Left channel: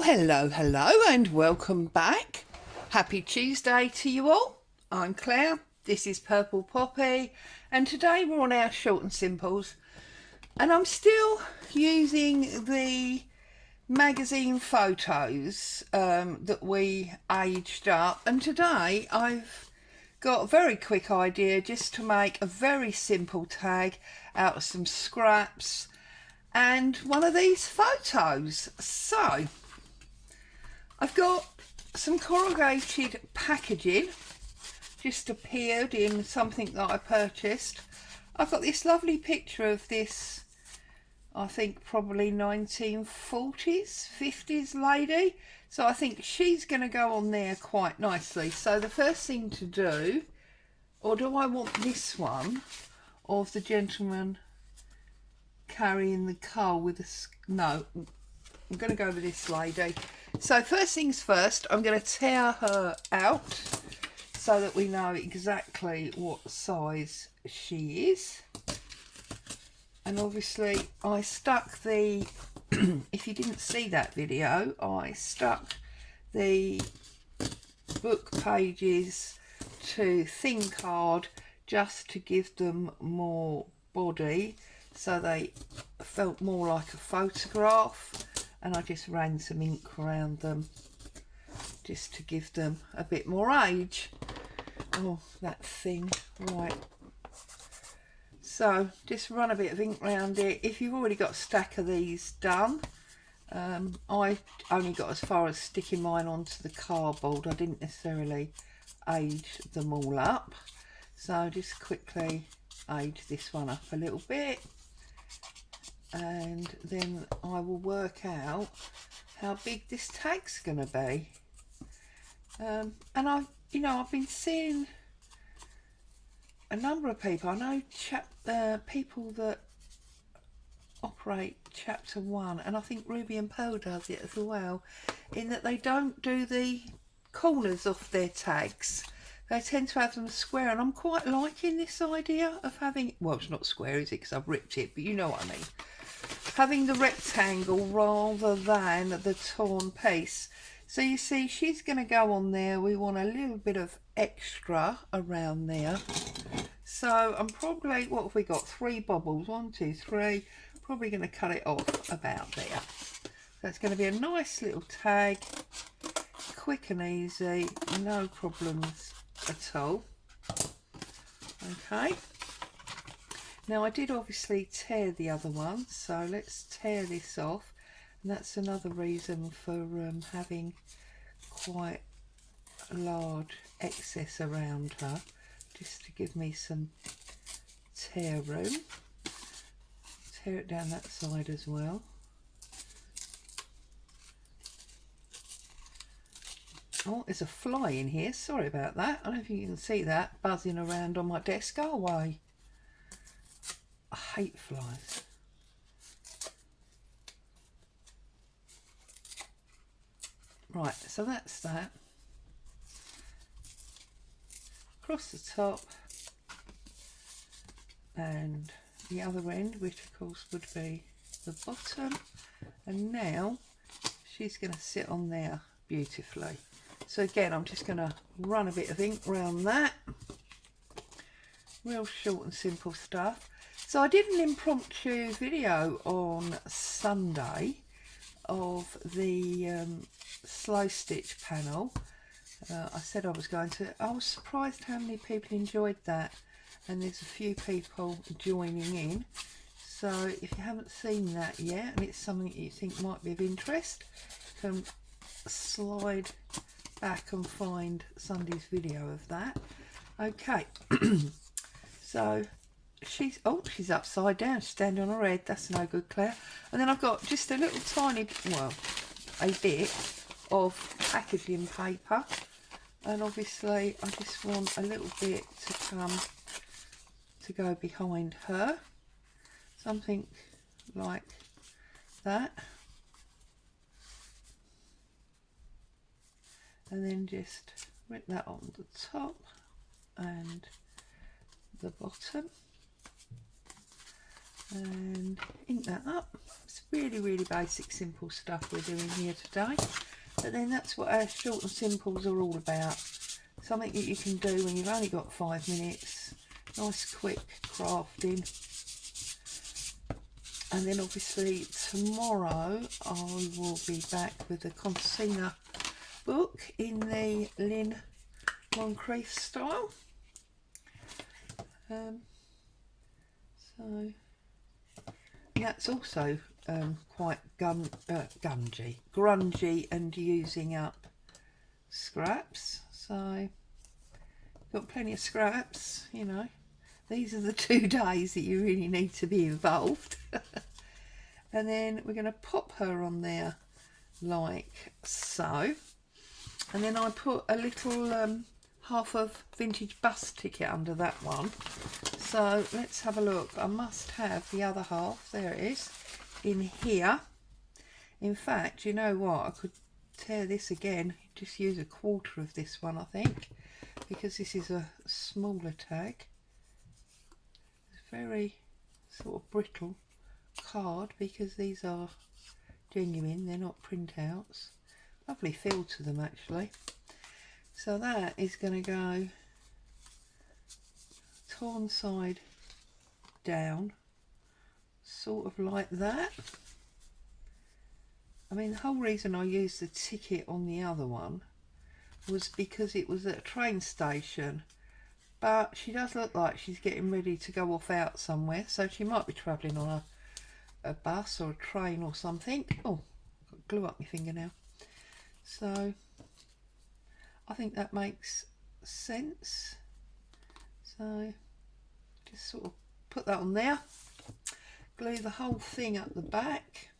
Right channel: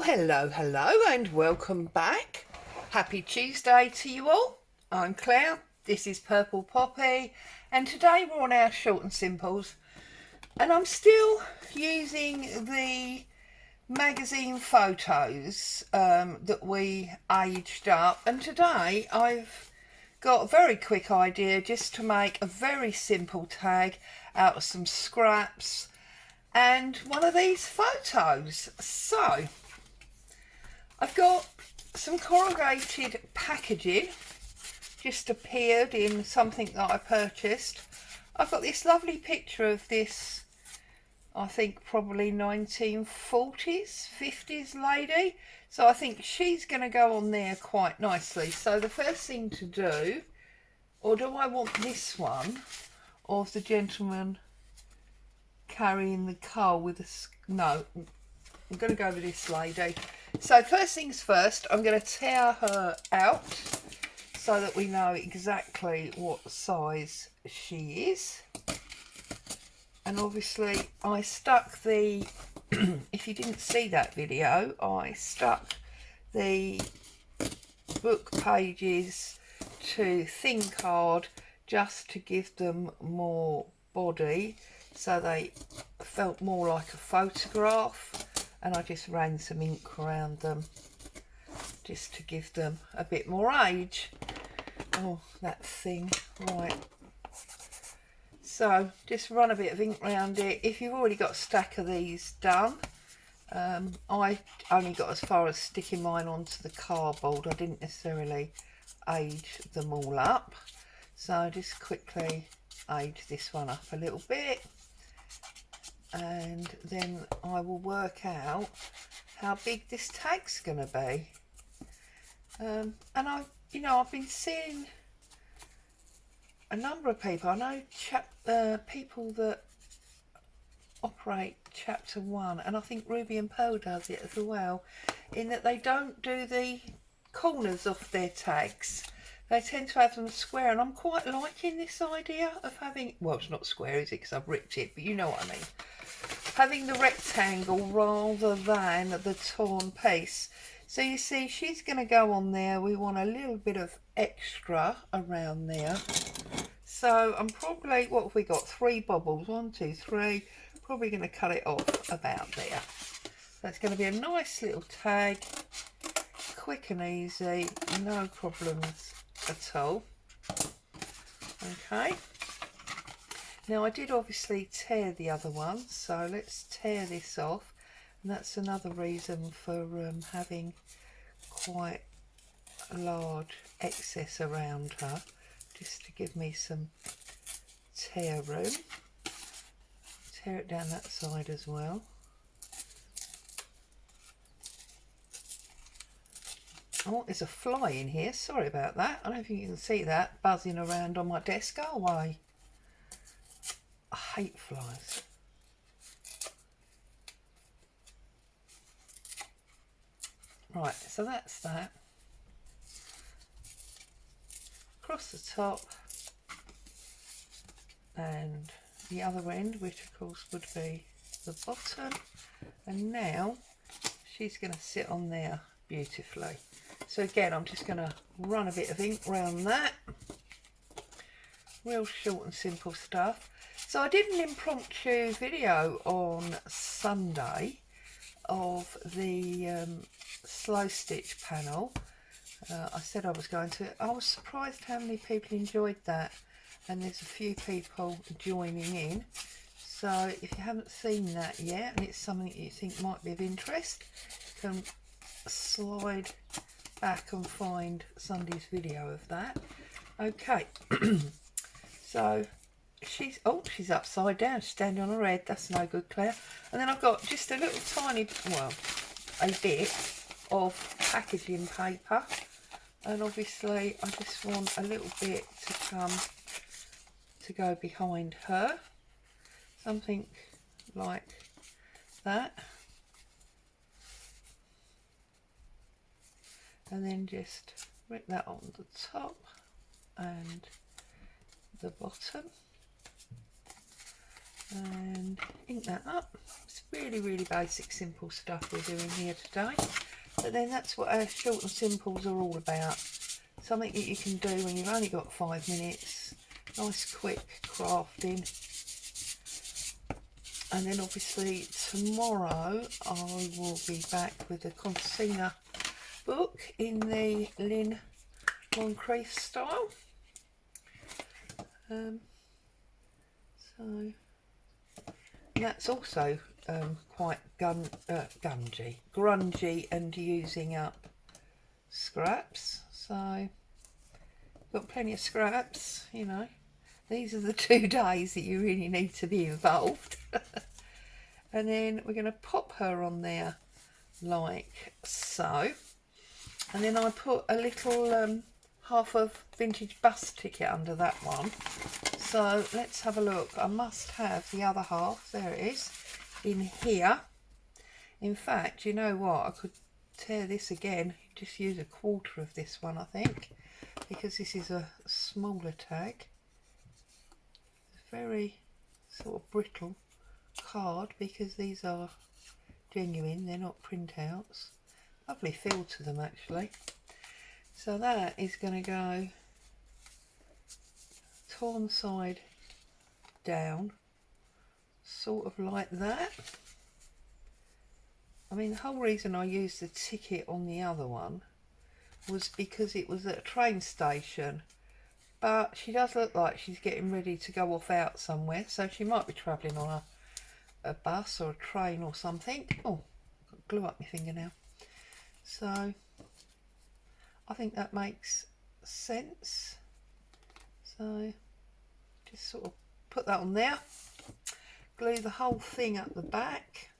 Well, hello and welcome back. Happy Tuesday to you all. I'm Claire, this is Purple Poppy, and today we're on our short and simples, and I'm still using the magazine photos that we aged up, and today I've got a very quick idea just to make a very simple tag out of some scraps and one of these photos. So I've got some corrugated packaging just appeared in something that I purchased. I've got this lovely picture of this, I think probably 1940s 50s lady, so I think she's going to go on there quite nicely. So the first thing to do, or do I want this one of the gentleman carrying the coal with a no, I'm going to go with this lady. So first things first, I'm going to tear her out so that we know exactly what size she is. And obviously I stuck the if you didn't see that video, I stuck the book pages to thin card just to give them more body, so they felt more like a photograph, and I just ran some ink around them just to give them a bit more age. Oh, that thing, right. So just run a bit of ink around it. If you've already got a stack of these done, I only got as far as sticking mine onto the cardboard. I didn't necessarily age them all up. So just quickly age this one up a little bit, and then I will work out how big this tag's going to be. And I've been seeing a number of people. I know people that operate chapter 1, and I think Ruby and Pearl does it as well, in that they don't do the corners of their tags. They tend to have them square, and I'm quite liking this idea of having, well, it's not square, is it, because I've ripped it, but you know what I mean, having the rectangle rather than the torn piece. So you see, she's going to go on there. We want a little bit of extra around there. So I'm probably, what have we got? 3 bobbles, 1, 2, 3. Probably going to cut it off about there. So it's going to be a nice little tag, quick and easy, no problems at all. Okay. Now I did obviously tear the other one, so let's tear this off. And that's another reason for having quite a large excess around her, just to give me some tear room. Tear it down that side as well. Oh, there's a fly in here, sorry about that. I don't know if you can see that buzzing around on my desk. Go away. I hate flies. Right, so that's that. Across the top, and the other end, which of course would be the bottom. And now she's going to sit on there beautifully. So again, I'm just going to run a bit of ink around that. Real short and simple stuff. So I did an impromptu video on Sunday of the slow stitch panel. I said I was going to. I was surprised how many people enjoyed that, and there's a few people joining in. So if you haven't seen that yet, and it's something that you think might be of interest, you can slide back and find Sunday's video of that. Okay. So she's upside down, standing on her head. That's no good, Claire. And then I've got just a little tiny, well, a bit of packaging paper, and obviously I just want a little bit to go behind her, something like that, and then just rip that on the top and the bottom. and ink that up. It's really basic, simple stuff we're doing here today, but then that's what our short and simples are all about. Something that you can do when you've only got 5 minutes, nice quick crafting. And then obviously tomorrow I will be back with the concertina book in the Lynn Moncrief style. So that's also quite grungy and using up scraps. So got plenty of scraps, you know. These are the 2 days that you really need to be involved. And then we're going to pop her on there like so. And then I put a little half of vintage bus ticket under that one. So let's have a look. I must have the other half, there it is, in here. In fact, you know what, I could tear this again, just use a quarter of this one I think, because this is a smaller tag. It's very sort of brittle card because these are genuine, they're not printouts. Lovely feel to them actually. So that is going to go torn side down, sort of like that. I mean, the whole reason I used the ticket on the other one was because it was at a train station, but she does look like she's getting ready to go off out somewhere, so she might be travelling on a bus or a train or something. Oh, got glue up my finger now. So I think that makes sense. So just sort of put that on there, glue the whole thing up the back.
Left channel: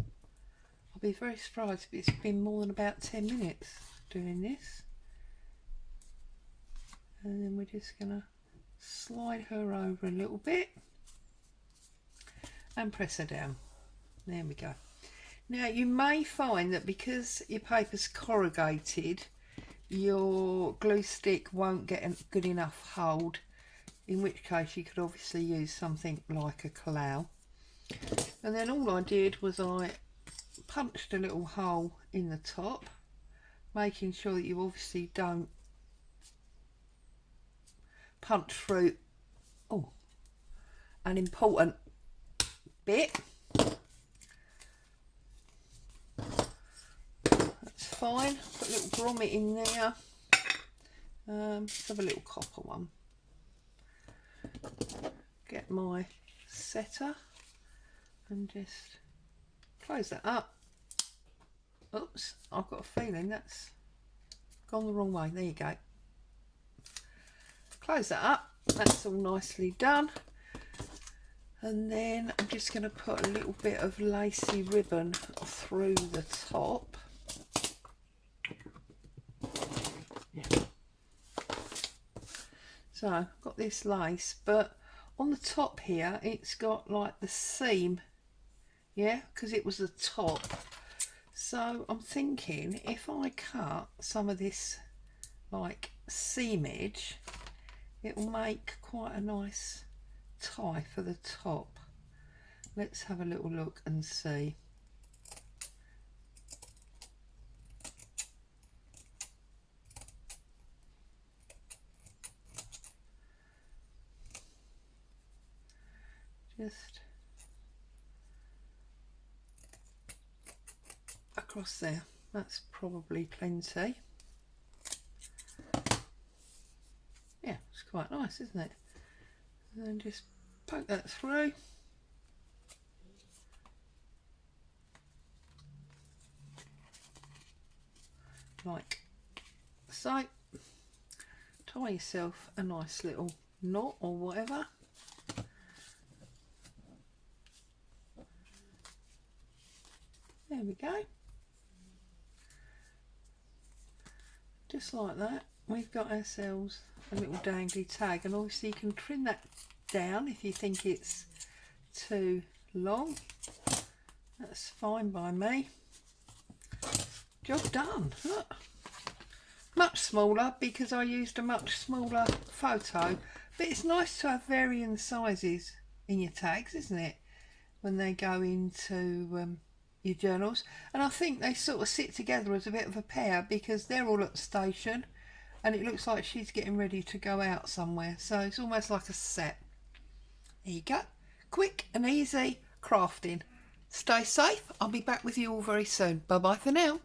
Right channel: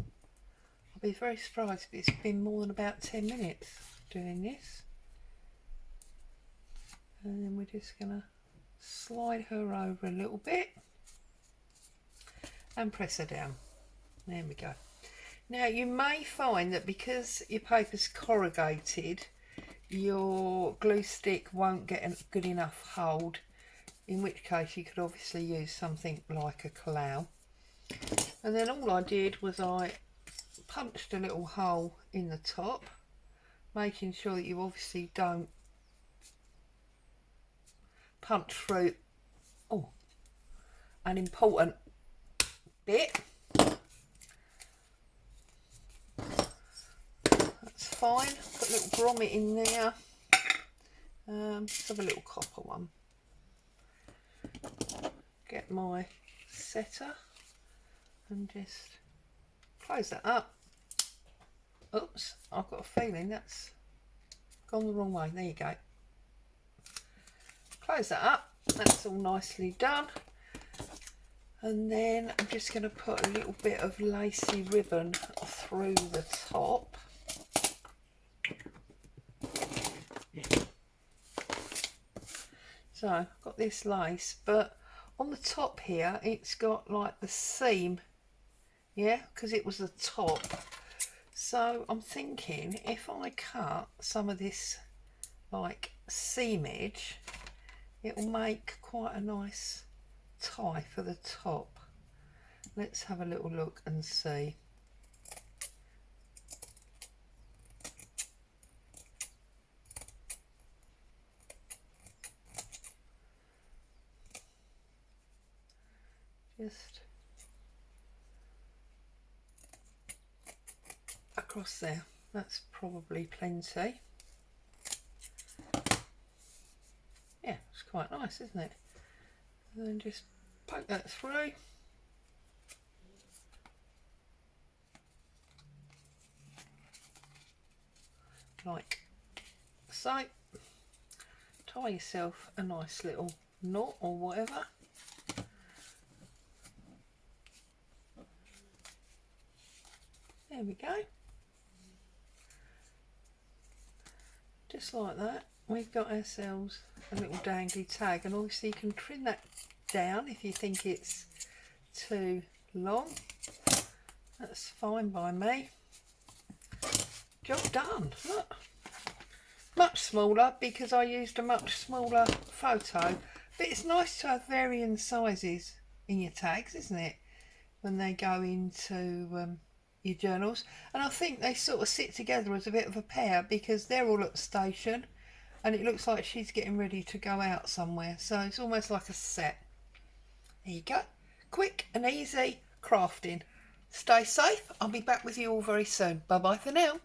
I'll be very surprised if it's been more than about 10 minutes doing this. And then we're just going to slide her over a little bit and press her down. There we go. Now you may find that because your paper's corrugated, your glue stick won't get a good enough hold, in which case you could obviously use something like a Kalau. And then all I did was I punched a little hole in the top, making sure that you obviously don't punch through an important bit. That's fine. Put a little grommet in there. Let's have a little copper one. Get my setter and just close that up. Oops, I've got a feeling that's gone the wrong way. There you go. Close that up. That's all nicely done. And then I'm just going to put a little bit of lacy ribbon through the top. So I've got this lace, but on the top here it's got like the seam, yeah, because it was the top. So I'm thinking if I cut some of this like seamage, it will make quite a nice tie for the top. Let's have a little look and see. Just across there, that's probably plenty. Yeah, it's quite nice, isn't it? And then just poke that through. Like so. Tie yourself a nice little knot or whatever. There we go. Just like that, we've got ourselves a little dangly tag, and obviously you can trim that down if you think it's too long. That's fine by me. Job done. Look, much smaller because I used a much smaller photo, But it's nice to have varying sizes in your tags, isn't it? When they go into your journals. And I think they sort of sit together as a bit of a pair because they're all at the station and it looks like she's getting ready to go out somewhere. So it's almost like a set. There you go. Quick and easy crafting. Stay safe. I'll be back with you all very soon. Bye bye for now.